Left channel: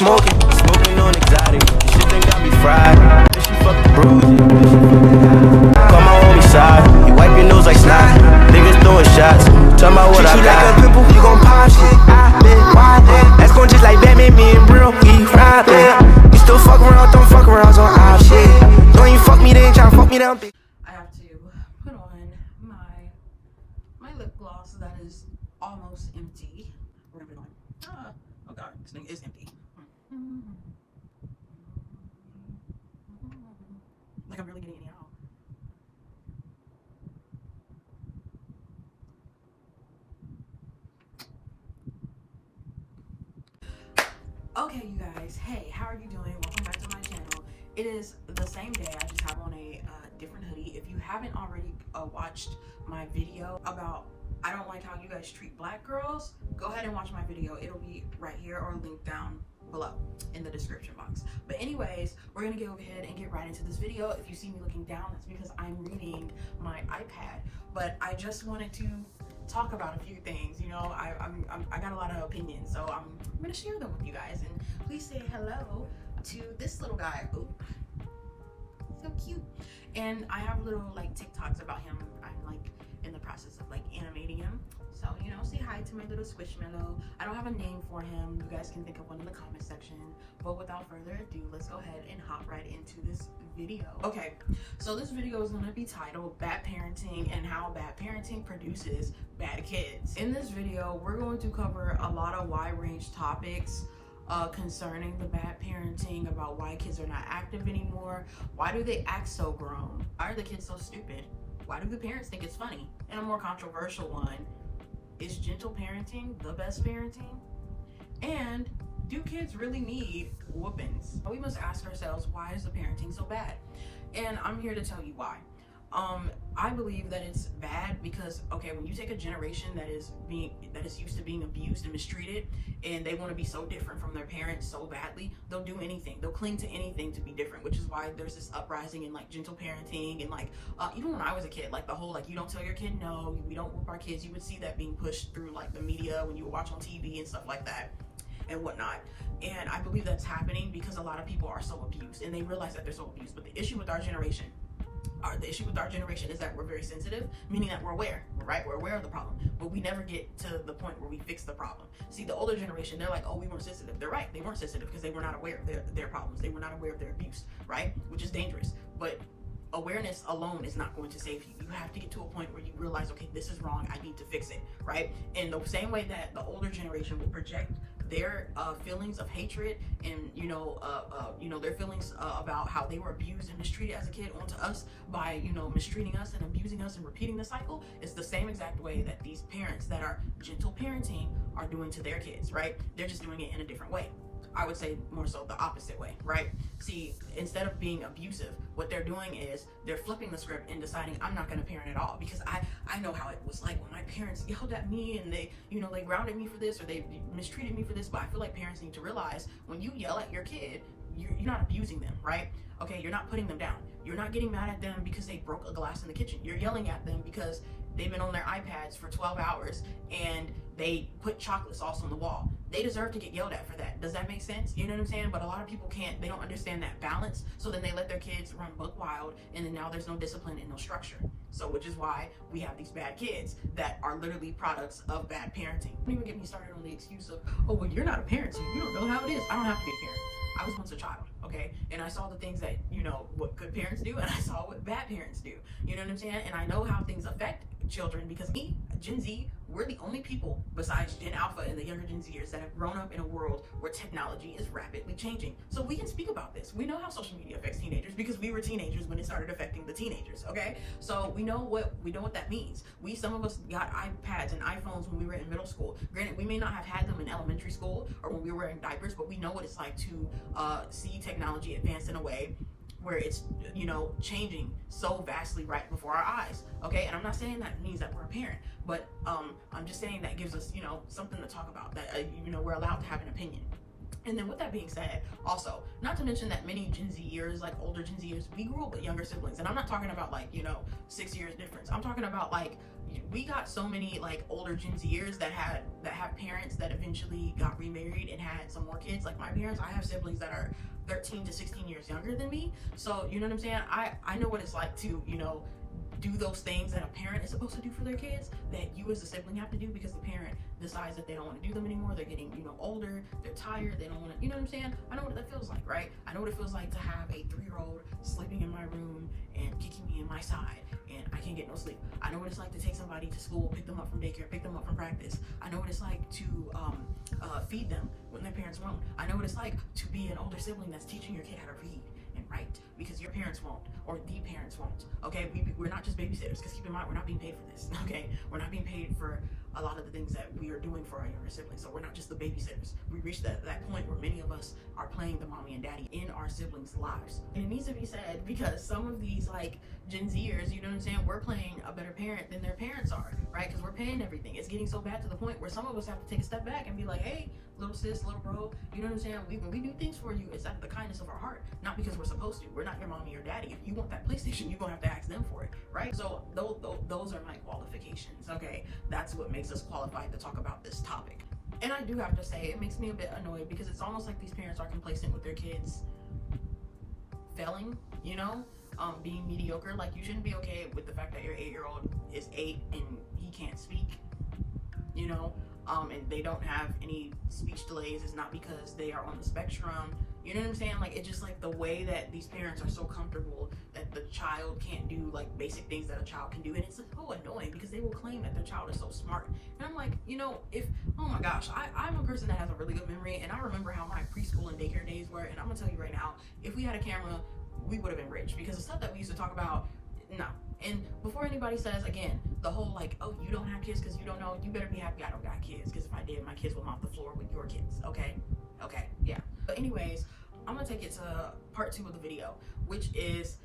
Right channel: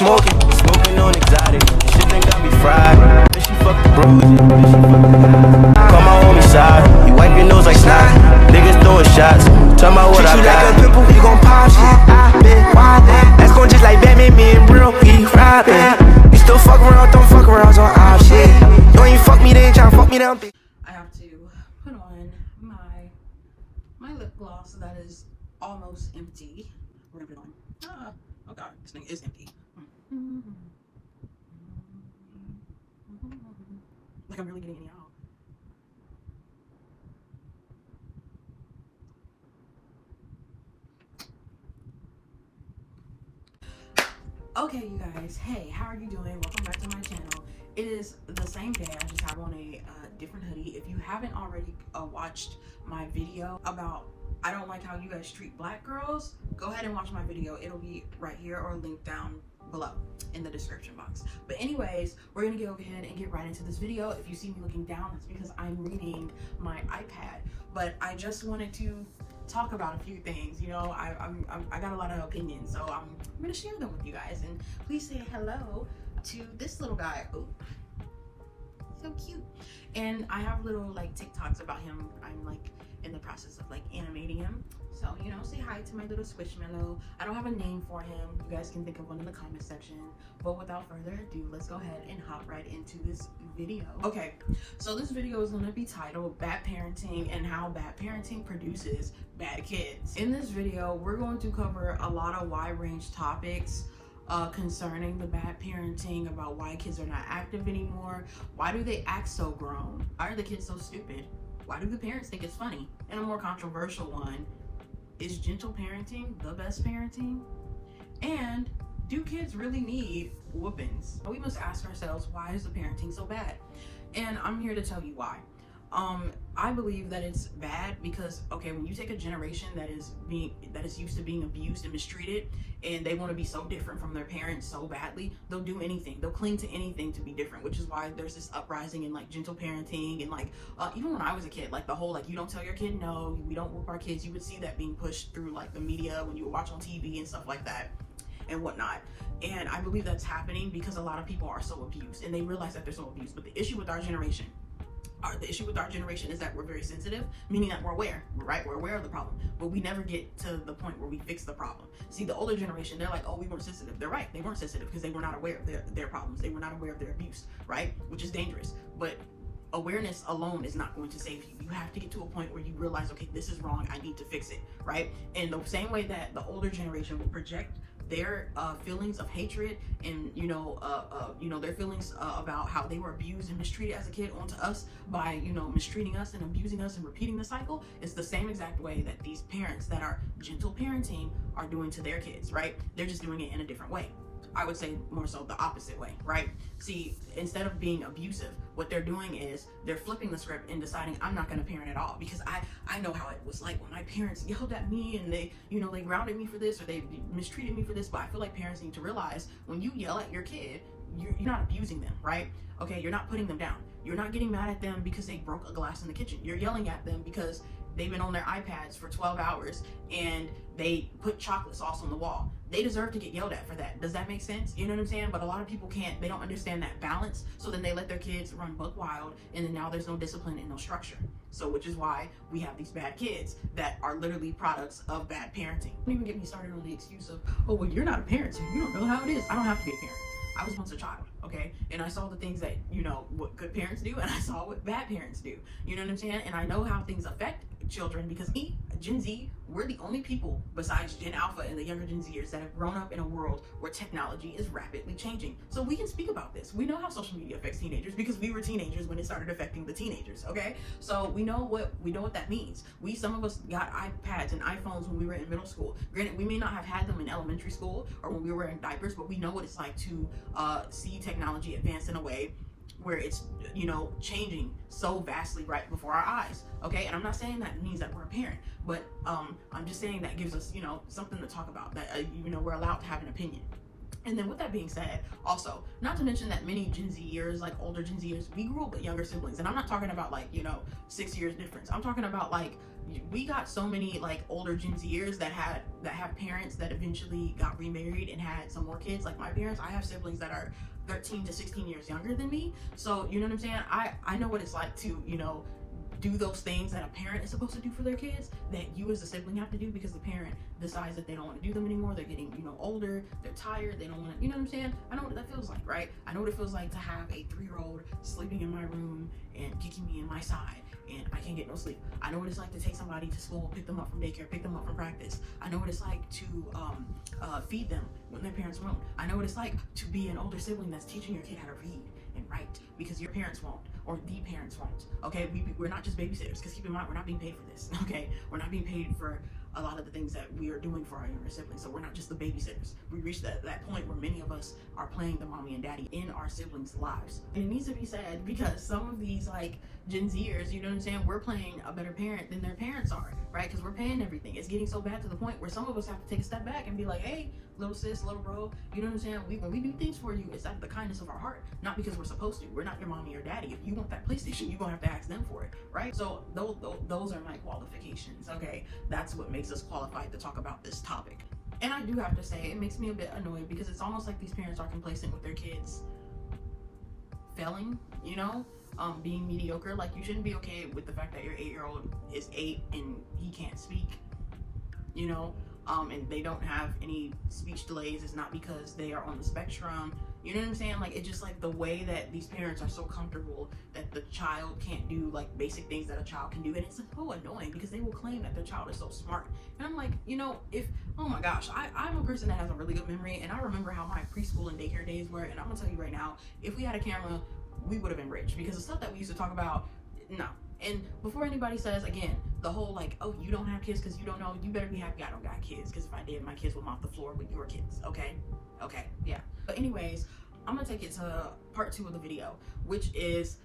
smoking on exotic. Shit done got me fried. Bitch, she fuck the bruises. Call my homie side. You wipe your nose like snot. Niggas throwing shots. Tell me what I got. Treat you like a pimple, you gon' pop shit. I been wildin'. That's gon' just like Batman, me and Bro, we robbin'. You still fuck around, don't fuck around on our shit. Don't even fuck me, they ain't tryna fuck me down. I have to put on my lip gloss that is almost empty. We're gonna put it on. Oh god, this thing is empty. Like I'm really getting any out. Okay, you guys, hey, how are you doing? Welcome back to my channel. It is the same day. I just have on a different hoodie. If you haven't already watched my video about I don't like how you guys treat black girls, go ahead and watch my video. It'll be right here or linked down below in the description box. But anyways, we're gonna go ahead and get right into this video. If you see me looking down, that's because I'm reading my iPad. But I just wanted to talk about a few things. You know, I got a lot of opinions, so I'm gonna share them with you guys. And please say hello to this little guy. Oh, so cute. And I have little like TikToks about him. I'm like in the process of like animating him. So, you know, say hi to my little squishmallow. I don't have a name for him. You guys can think of one in the comment section. But without further ado, let's go ahead and hop right into this video. Okay, so this video is going to be titled Bad Parenting and How Bad Parenting Produces Bad Kids. In this video, we're going to cover a lot of wide range topics concerning the bad parenting, about why kids are not active anymore. Why do they act so grown? Why are the kids so stupid? Why do the parents think it's funny? And a more controversial one, is gentle parenting the best parenting? And do kids really need whoopings? We must ask ourselves, why is the parenting so bad? And I'm here to tell you why. I believe that it's bad because, okay, when you take a generation that is used to being abused and mistreated, and they want to be so different from their parents so badly, they'll do anything. They'll cling to anything to be different, which is why there's this uprising in like gentle parenting. And like even when I was a kid, like the whole like you don't tell your kid no, we don't whoop our kids, you would see that being pushed through like the media when you would watch on TV and stuff like that and whatnot. And I believe that's happening because a lot of people are so abused and they realize that they're so abused. But the issue with our generation is that we're very sensitive, meaning that we're aware, right? We're aware of the problem, but we never get to the point where we fix the problem. See, the older generation, they're like, oh, we weren't sensitive. They're right, they weren't sensitive because they were not aware of their problems. They were not aware of their abuse, right? Which is dangerous. But awareness alone is not going to save you. You have to get to a point where you realize, okay, this is wrong, I need to fix it, right? And the same way that the older generation will project their feelings of hatred and their feelings about how they were abused and mistreated as a kid onto us by mistreating us and abusing us and repeating the cycle, it's the same exact way that these parents that are gentle parenting are doing to their kids, right? They're just doing it in a different way. I would say more so the opposite way, right? See, instead of being abusive, what they're doing is they're flipping the script and deciding I'm not going to parent at all because I know how it was like when my parents yelled at me and they grounded me for this or they mistreated me for this. But I feel like parents need to realize when you yell at your kid, you're not abusing them, right? Okay, you're not putting them down. You're not getting mad at them because they broke a glass in the kitchen. You're yelling at them because they've been on their iPads for 12 hours and they put chocolate sauce on the wall. They deserve to get yelled at for that. Does that make sense? You know what I'm saying? But a lot of people they don't understand that balance. So then they let their kids run buck wild and then now there's no discipline and no structure. So which is why we have these bad kids that are literally products of bad parenting. Don't even get me started on the excuse of, oh, well, you're not a parent, so you don't know how it is. I don't have to be a parent. I was once a child, okay? And I saw the things that, what good parents do, and I saw what bad parents do. You know what I'm saying? And I know how things affect children because me, Gen Z, we're the only people besides Gen Alpha and the younger Gen Zers that have grown up in a world where technology is rapidly changing. So we can speak about this. We know how social media affects teenagers because we were teenagers when it started affecting the teenagers, okay? So we know what that means. Some of us got iPads and iPhones when we were in middle school. Granted, we may not have had them in elementary school or when we were wearing diapers, but we know what it's like to see technology advance in a way where it's changing so vastly right before our eyes, okay? And I'm not saying that means that we're a parent, but I'm just saying that gives us something to talk about, that we're allowed to have an opinion. And then with that being said, also, not to mention that many Gen Zers, like older Gen Zers, we grew up with younger siblings. And I'm not talking about 6 years difference. I'm talking about we got so many like older Gen Zers that have parents that eventually got remarried and had some more kids. Like my parents, I have siblings that are 13 to 16 years younger than me. So you know what I'm saying? I know what it's like to, you know, do those things that a parent is supposed to do for their kids that you as a sibling have to do because the parent decides that they don't want to do them anymore. They're getting, you know, older, they're tired, they don't want to, you know what I'm saying? I know what that feels like, right? I know what it feels like to have a 3-year-old sleeping in my room and kicking me in my side and I can't get no sleep. I know what it's like to take somebody to school, pick them up from daycare, pick them up from practice. I know what it's like to feed them when their parents won't. I know what it's like to be an older sibling that's teaching your kid how to read and write because your parents won't, or the parents won't. Okay, we're not just babysitters, because keep in mind, we're not being paid for this. Okay, we're not being paid for a lot of the things that we are doing for our younger siblings. So we're not just the babysitters. We reached that point where many of us are playing the mommy and daddy in our siblings' lives. And it needs to be said because some of these like Gen Zers, you know what I'm saying, we're playing a better parent than their parents are, right? Because we're paying everything. It's getting so bad to the point where some of us have to take a step back and be like, hey, little sis, little bro, you know what I'm saying? When we do things for you, it's out of the kindness of our heart, not because we're supposed to. We're not your mommy or daddy. If you want that PlayStation, you're gonna have to ask them for it, right? So those are my qualifications, okay? That's what makes us qualified to talk about this topic. And I do have to say, it makes me a bit annoyed because it's almost like these parents are complacent with their kids failing, you know? Being mediocre. Like, you shouldn't be okay with the fact that your 8-year-old is 8 and he can't speak, you know? And they don't have any speech delays. It's not because they are on the spectrum. You know what I'm saying? Like, it's just like the way that these parents are so comfortable that the child can't do like basic things that a child can do. And it's so annoying because they will claim that their child is so smart. And I'm like, you know, oh my gosh, I'm a person that has a really good memory. And I remember how my preschool and daycare days were. And I'm gonna tell you right now, if we had a camera, we would have been rich, because the stuff that we used to talk about, no. And before anybody says, again, the whole like, oh, you don't have kids because you don't know, you better be happy I don't got kids, because if I did, my kids would mop the floor with your kids. Okay, yeah. But anyways, I'm gonna take it to part 2 of the video, which is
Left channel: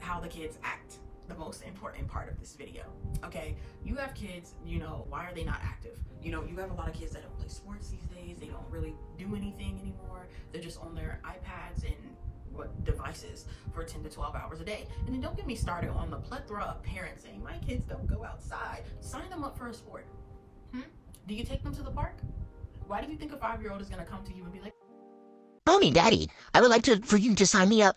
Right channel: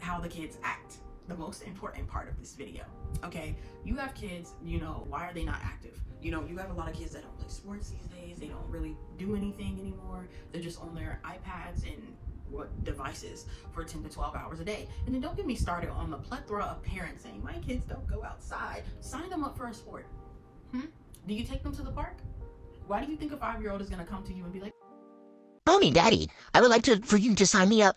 how the kids act, the most important part of this video. Okay, you have kids, you know, why are they not active? You know, you have a lot of kids that don't play sports these days. They don't really do anything anymore. They're just on their iPads and devices for 10 to 12 hours a day. And then don't get me started on the plethora of parents saying my kids don't go outside. Sign them up for a sport. Do you take them to the park? Why do you think a 5-year-old is going to come to you and be like, Mommy, Daddy, I would like for you to sign me up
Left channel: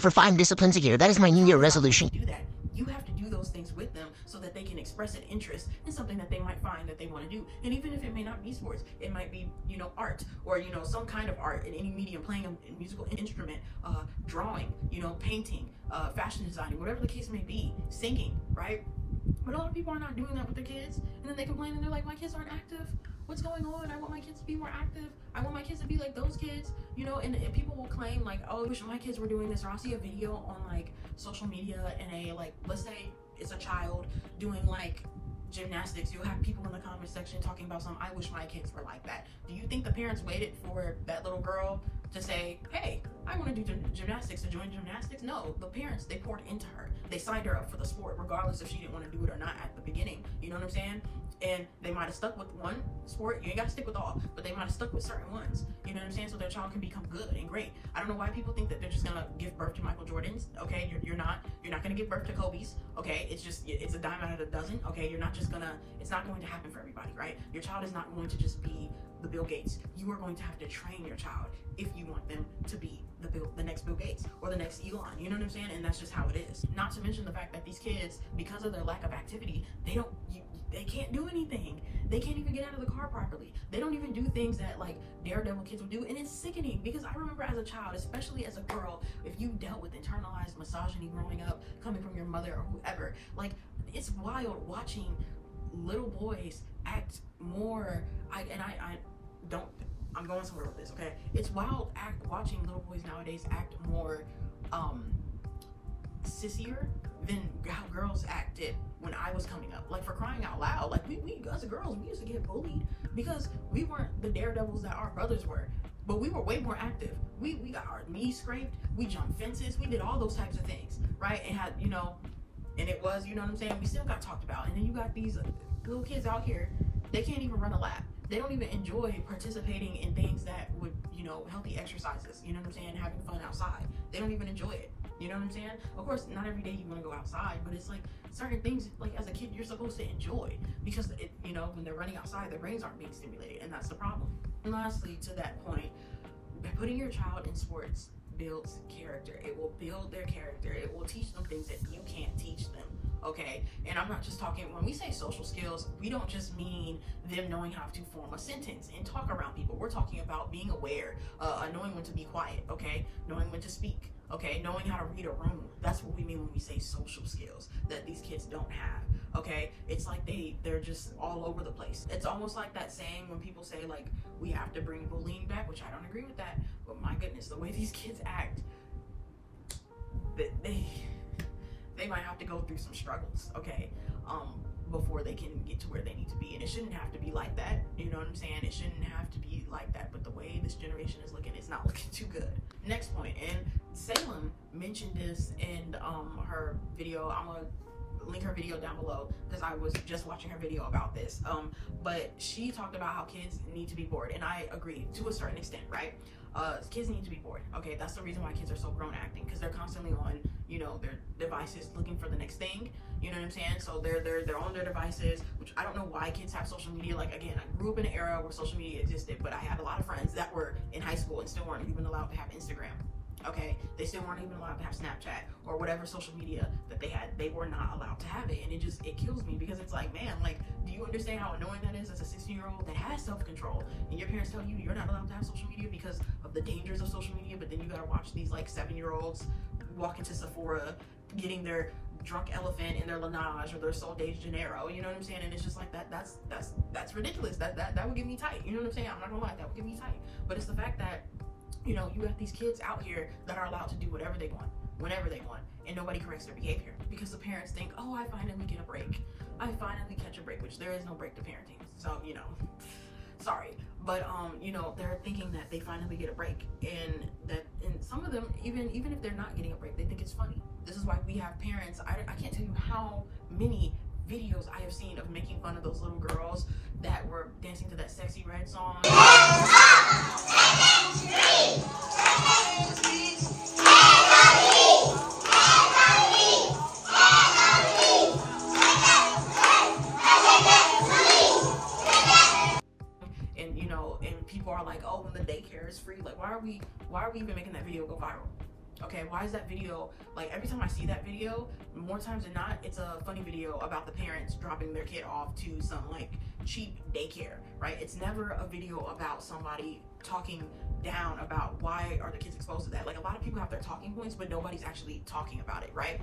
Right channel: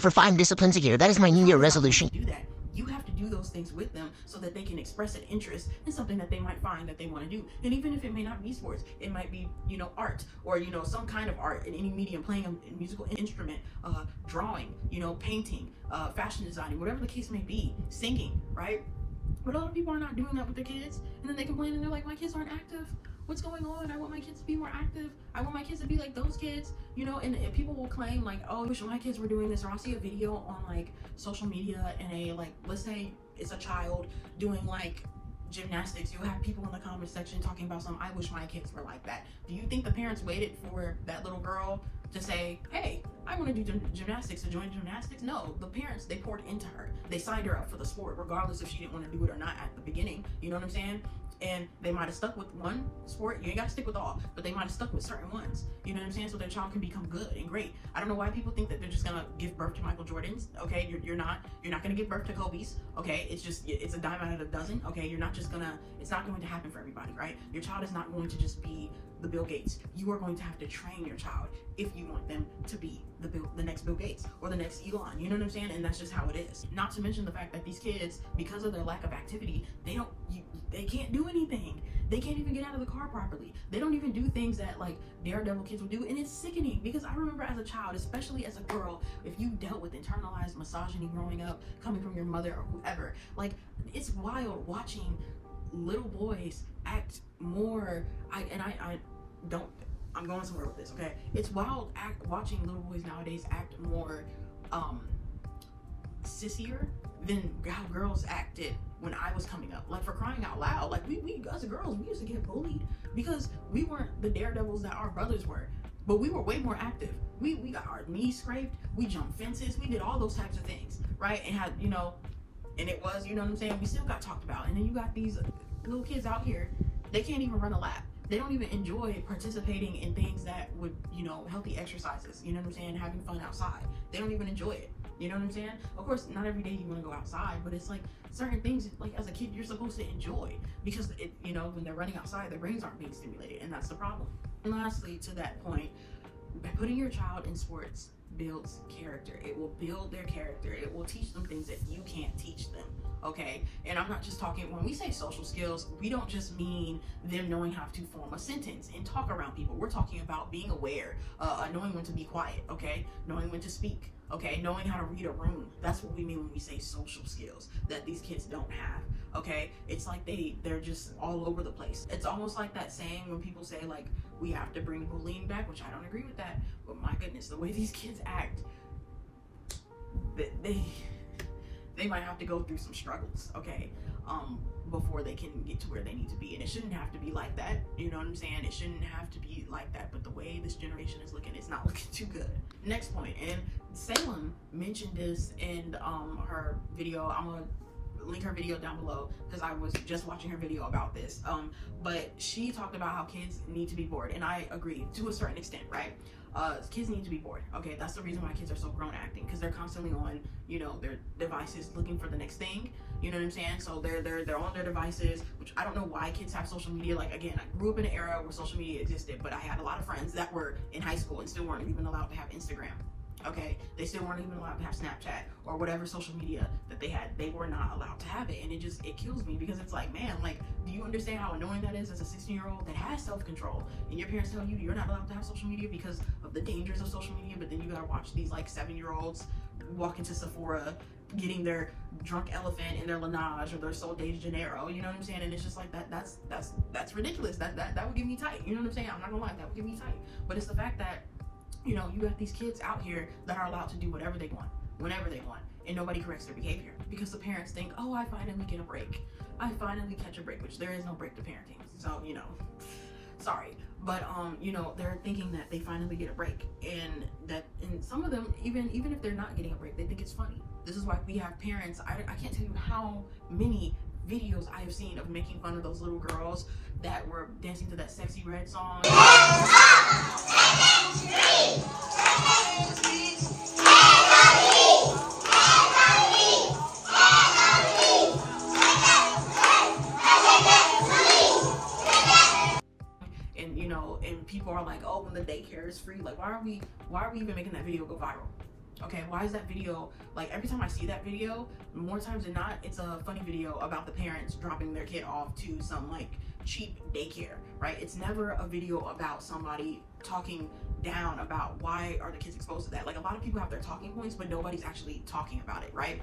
for 5 disciplines a year. That is my New Year resolution. Do that. You have to do those things with them so that they can express an interest in something that they might find that they want to do. And even if it may not be sports, it might be, you know, art, or, you know, some kind of art in any medium, playing a musical instrument, drawing, you know, painting, fashion designing, whatever the case may be, singing, right? But a lot of people are not doing that with their kids, and then they complain and they're like, my kids aren't active. What's going on? I want my kids to be more active. I want my kids to be like those kids, you know. And people will claim like, oh, I wish my kids were doing this. Or I'll see a video on like social media and a like, let's say it's a child doing like gymnastics. You'll have people in the comment section talking about I wish my kids were like that. Do you think the parents waited for that little girl to say, hey, I want to do gymnastics, to join gymnastics? No, the parents, they poured into her. They signed her up for the sport, regardless if she didn't want to do it or not at the beginning. You know what I'm saying? And they might have stuck with one sport. You ain't got to stick with all, but they might have stuck with certain ones. You know what I'm saying? So their child can become good and great. I don't know why people think that they're just gonna give birth to Michael Jordans. Okay, you're not gonna give birth to Kobe's. Okay, it's a dime out of a dozen. Okay, it's not going to happen for everybody, right? Your child is not going to just be the Bill Gates. You are going to have to train your child if you want them to be the next Bill Gates or the next Elon. You know what I'm saying? And that's just how it is. Not to mention the fact that these kids, because of their lack of activity, they can't do anything. They can't even get out of the car properly. They don't even do things that like daredevil kids would do. And it's sickening, because I remember as a child, especially as a girl, if you dealt with internalized misogyny growing up, coming from your mother or whoever, like, it's wild watching little boys act more, I'm going somewhere with this, okay? It's wild watching little boys nowadays act more sissier than how girls acted when I was coming up. Like, for crying out loud, like we as a girl, we used to get bullied because we weren't the daredevils that our brothers were, but we were way more active. We got our knees scraped, we jumped fences, we did all those types of things, right? And had, you know, and it was, you know what I'm saying, we still got talked about. And then you got these little kids out here, they can't even run a lap. They don't even enjoy participating in things that would, you know, healthy exercises, you know what I'm saying, having fun outside. They don't even enjoy it, you know what I'm saying? Of course, not every day you want to go outside, but it's like certain things, like as a kid, you're supposed to enjoy, because it, you know, when they're running outside, their brains aren't being stimulated, and that's the problem. And lastly, to that point, by putting your child in sports builds character. It will build their character. It will teach them things that you can't teach them. Okay, and I'm not just talking, when we say social skills, we don't just mean them knowing how to form a sentence and talk around people. We're talking about being aware, knowing when to be quiet, okay, knowing when to speak, okay, knowing how to read a room. That's what we mean when we say social skills that these kids don't have. Okay, it's like they're just all over the place. It's almost like that saying when people say, like, we have to bring bullying back, which I don't agree with that, but my goodness, the way these kids act, they might have to go through some struggles, okay, before they can get to where they need to be. And it shouldn't have to be like that, you know what I'm saying? It shouldn't have to be like that, but the way this generation is looking, it's not looking too good. Next point, and Salem mentioned this in her video. I'm gonna link her video down below because I was just watching her video about this, but she talked about how kids need to be bored, and I agree to a certain extent, right? Kids need to be bored. Okay, that's the reason why kids are so grown acting, because they're constantly on, you know, their devices looking for the next thing. You know what I'm saying? So they're on their devices, which I don't know why kids have social media. Like, again, I grew up in an era where social media existed, but I had a lot of friends that were in high school and still weren't even allowed to have Instagram. Okay, they still weren't even allowed to have Snapchat or whatever social media that they had. They were not allowed to have it, and it kills me, because it's like, man, like, do you understand how annoying that is as a 16-year-old that has self-control, and your parents tell you you're not allowed to have social media because of the dangers of social media, but then you gotta watch these like 7-year-olds walk into Sephora getting their drunk elephant and their Laneige or their Sol de Janeiro, you know what I'm saying? And it's just like that's ridiculous. That would get me tight, you know what I'm saying? I'm not gonna lie, that would get me tight. But it's the fact that, you know, you have these kids out here that are allowed to do whatever they want, whenever they want, and nobody corrects their behavior, because the parents think, oh, I finally get a break. I finally catch a break, which there is no break to parenting. So, you know, sorry. But, you know, they're thinking that they finally get a break, and some of them, even if they're not getting a break, they think it's funny. This is why we have parents, I can't tell you how many videos I have seen of making fun of those little girls that were dancing to that Sexy Red song. And, you know, and people are like, oh, when the daycare is free, like, why are we even making that video go viral? Okay, why is that video, like, every time I see that video, more times than not, it's a funny video about the parents dropping their kid off to some, like, cheap daycare, right? It's never a video about somebody talking down about why are the kids exposed to that. Like, a lot of people have their talking points, but nobody's actually talking about it, right?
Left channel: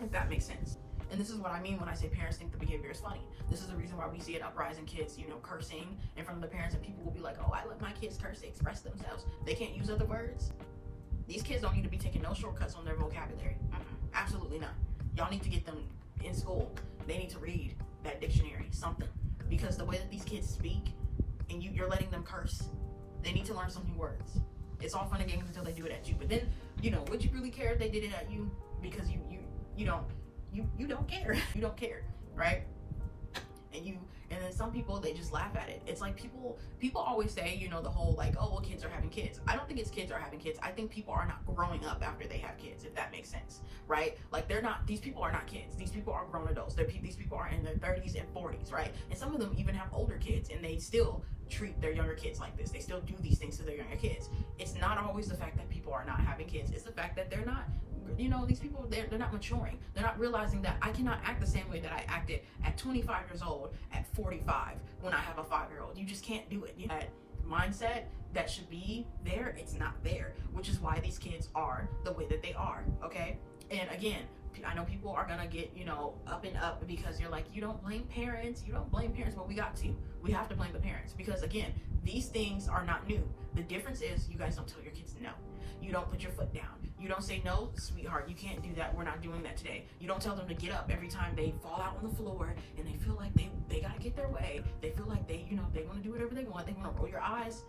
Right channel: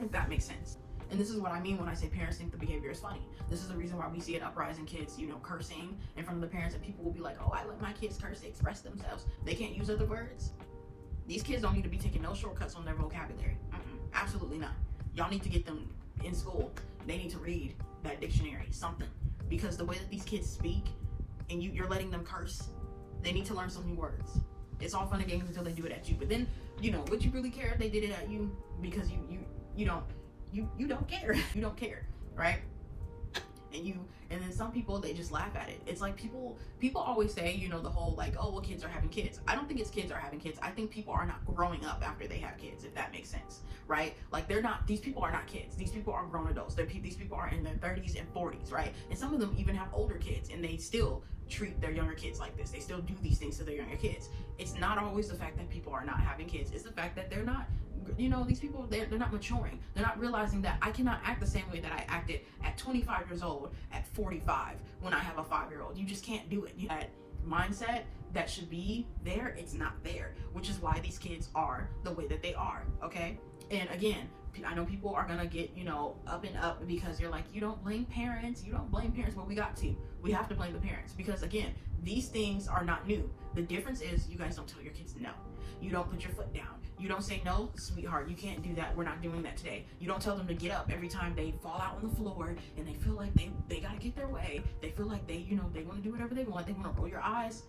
If that makes sense. And this is what I mean when I say parents think the behavior is funny. This is the reason why we see an uprising in kids, you know, cursing in front of the parents, and people will be like, oh, I let my kids curse to express themselves. They can't use other words. These kids don't need to be taking no shortcuts on their vocabulary. Absolutely not. Y'all need to get them in school. They need to read that dictionary, something. Because the way that these kids speak, and you're letting them curse, they need to learn some new words. It's all fun and games until they do it at you. But then, you know, would you really care if they did it at you? Because you don't care. You don't care, right? And then some people, they just laugh at it. It's like people always say, you know, the whole like, oh, well, kids are having kids. I don't think it's kids are having kids. I think people are not growing up after they have kids, if that makes sense, right? Like, these people are not kids. These people are grown adults. These people are in their 30s and 40s, right? And some of them even have older kids, and they still treat their younger kids like this. They still do these things to their younger kids. It's not always the fact that people are not having kids. It's the fact that they're not, you know, these people, they're not maturing. They're not realizing that I cannot act the same way that I acted at 25 years old at 45 when I have a 5-year-old. You just can't do it. That mindset that should be there, it's not there, which is why these kids are the way that they are, okay? And again, I know people are gonna get, you know, up and up because you're like, you don't blame parents, but we have to blame the parents, because again, these things are not new. The difference is you guys don't tell your kids no. You don't put your foot down. You don't say, no, sweetheart, you can't do that. We're not doing that today. You don't tell them to get up every time they fall out on the floor and they feel like they gotta get their way. They feel like they want to do whatever they want. They want to roll your eyes.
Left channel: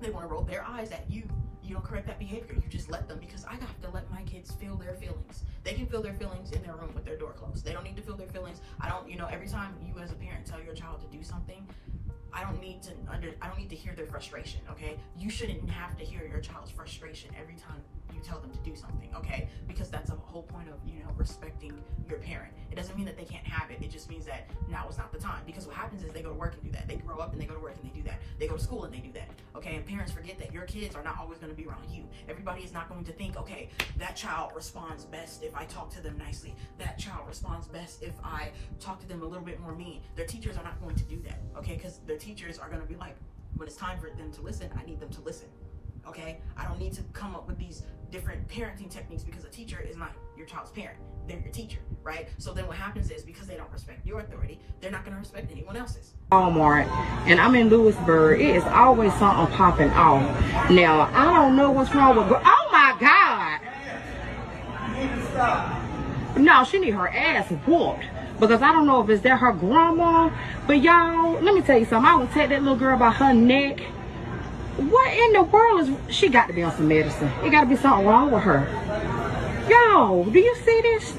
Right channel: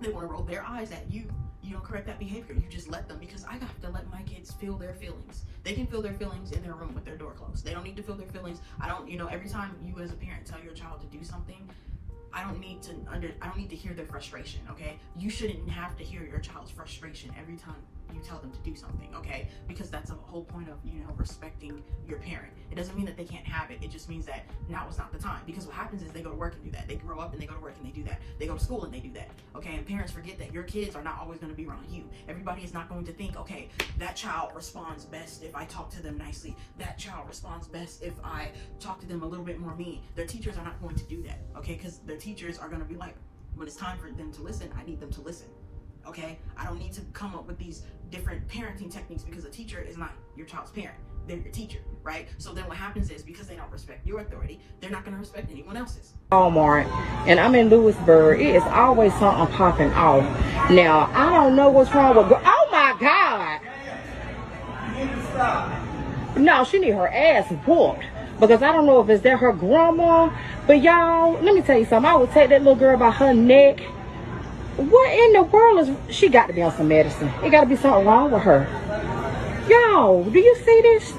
They want to roll their eyes at you. You don't correct that behavior. You just let them, because I have to let my kids feel their feelings. They can feel their feelings in their room with their door closed. They don't need to feel their feelings. I don't, you know, every time you as a parent tell your child to do something, I don't need to hear their frustration, okay? You shouldn't have to hear your child's frustration every time you tell them to do something, okay? Because that's the whole point of, you know, respecting your parent. It doesn't mean that they can't have it. It just means that now is not the time. Because what happens is they go to work and do that. They grow up and they go to work and they do that. They go to school and they do that, okay? And parents forget that your kids are not always going to be around you. Everybody is not going to think, okay, that child responds best if I talk to them nicely. That child responds best if I talk to them a little bit more mean. Their teachers are not going to do that, okay? Because their teachers are going to be like, when it's time for them to listen, I need them to listen, okay? I don't need to come up with these different parenting techniques because a teacher is not your child's parent. They're your teacher, right? So then what happens is, because they don't respect your authority, they're not going to respect anyone else's. Walmart, and I'm in Lewisburg. It is always something popping off. Now, I don't know what's wrong with... Oh, my God! No, she need her ass whooped. Because I don't know if it's that her grandma. But y'all, let me tell you something. I would take that little girl by her neck. What in the world is... She got to be on some medicine. It got to be something wrong with her. Y'all, do you see this?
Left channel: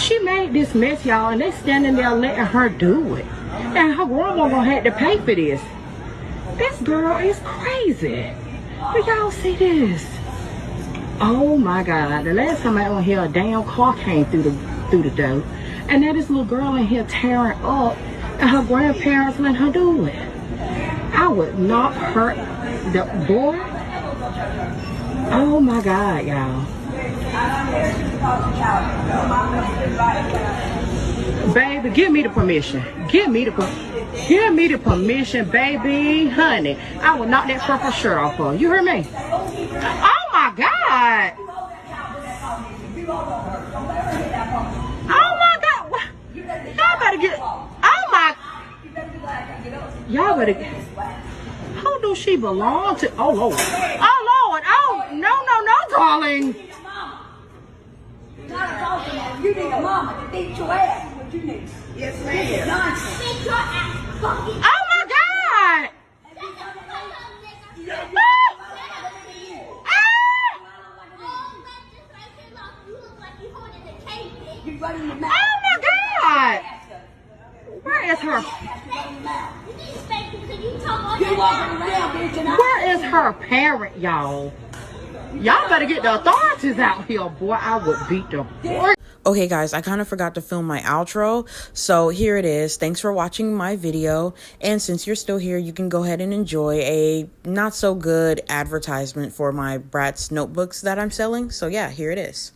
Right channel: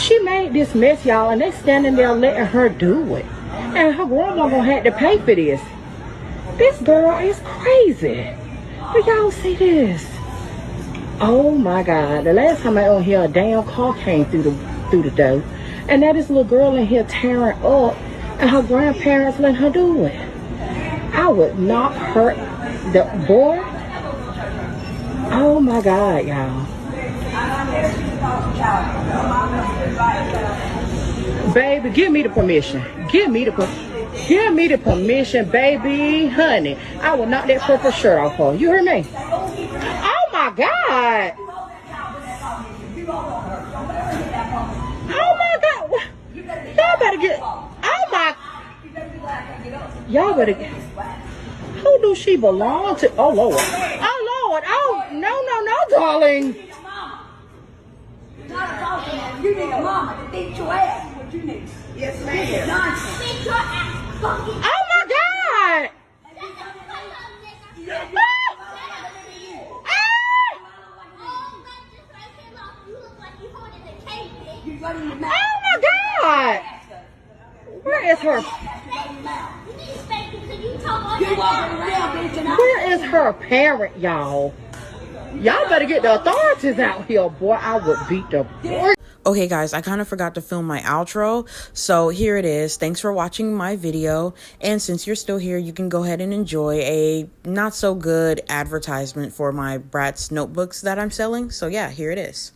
She made this mess, y'all, and they standing there letting her do it. And her grandma gonna have to pay for this. This girl is crazy. Do y'all see this? Oh my God! The last time I was here, a damn car came through the door, and now this little girl in here tearing up, and her grandparents letting her do it. I would not hurt the boy. Oh my God, y'all. Baby, give me the permission. Give me the permission, baby, honey. I will knock that purple shirt off her. You heard me? Oh my God. Oh my God. Y'all better get... Oh my... Y'all better get... Who do she belong to? Oh Lord. Oh Lord. Oh, no, darling. You need a mama to beat your ass. What you need? Yes, ma'am. Nonsense. Beat your ass. Oh my God. Oh my God. Where is her? Where is her parent, y'all? Y'all better get the authorities out here, boy. I would beat the boy. Okay, guys, I kind of forgot to film my outro, so here it is. Thanks for watching my video, and since you're still here, you can go ahead and enjoy a not so good advertisement for my Bratz notebooks that I'm selling. So yeah, here it is.